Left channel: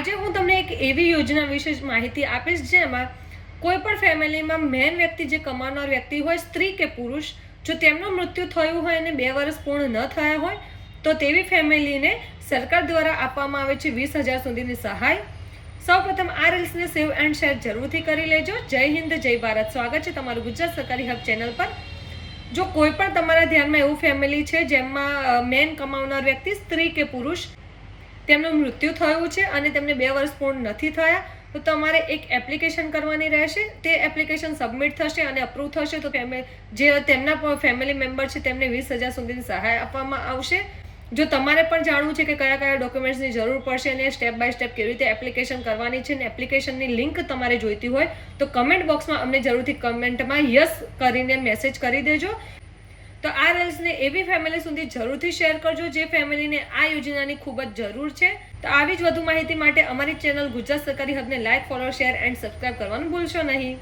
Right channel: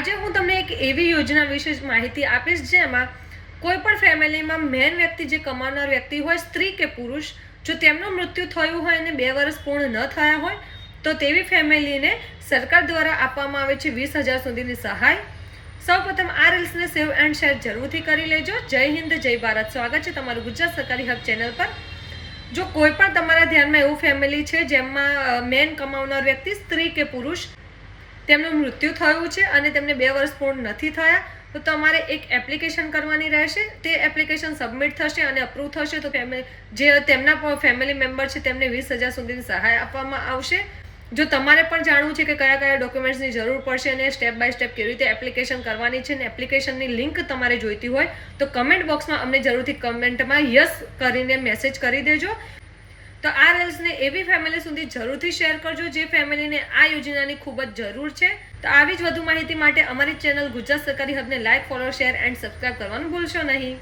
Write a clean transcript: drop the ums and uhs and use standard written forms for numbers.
આજે હું તમને એક એવી યોજના વિશે માહિતી આપીશ જેમાં કોઈ પણ ફેમિલીમાં મેન વ્યક્તિ જે કમાનાર વ્યક્તિ હોય, સ્ત્રી કે પુરુષ, જો તેમનું મૃત્યુ થયું હોય અને 2 વર્ષ પૂર્ણ ન થયા હોય તો તેવી ફેમિલીને સરકાર દ્વારા આપવામાં આવે છે 20,000 સુધીની સહાય. સૌપ્રથમ આ રીલ્સને સેવ એન્ડ શેર જરૂરથી કરી લેજો. જય હિન્દ, જય ભારત. સ્વાગત છે તમારું ગુજરાત સરકારી હક ચેનલ પર. જો કોઈ પણ તમારા ધ્યાનમાં એવું ફેમિલી છે જેમાં મેન કમાવનાર વ્યક્તિ સ્ત્રી કે પુરુષ તેમનું મૃત્યુ થયું છે અને તેમને 2 વર્ષ પૂર્ણ નથી થયા, તો તમારે એક એપ્લિકેશન કરવાની રહેશે. તે એપ્લિકેશન સબમિટ થશે અને અપ્રૂવ થશે તો જે તેમના ફેમિલી મેમ્બર છે તેમને 20,000 સુધીની સહાય આપવામાં આવશે. જો તમારે પણ જાણવું છે કે કયા કયા ડોક્યુમેન્ટ્સની જરૂર પડશે અને સ્ટેપ બાય સ્ટેપ કેવી રીતે એપ્લિકેશન કરવાની છે અને એપ્લિકેશનની લિંક તમારે જોઈતી હોય તો કમેન્ટ બોક્સમાં અમને જરૂરથી કમેન્ટમાં યસ કરીને મેસેજ કરી દેજો. તો આ રીલ્સને એવી ફેમિલી સુધી જરૂરથી શેર કરજો જે ફેમિલીને આ યોજનાની ખૂબ જ જરૂર છે. તો આવી જ વધુ માહિતી માટે અમારી ચેનલ ગુજરાત સરકારી હકને like, follow, share and subscribe કરવાનું ભૂલશો નહીં.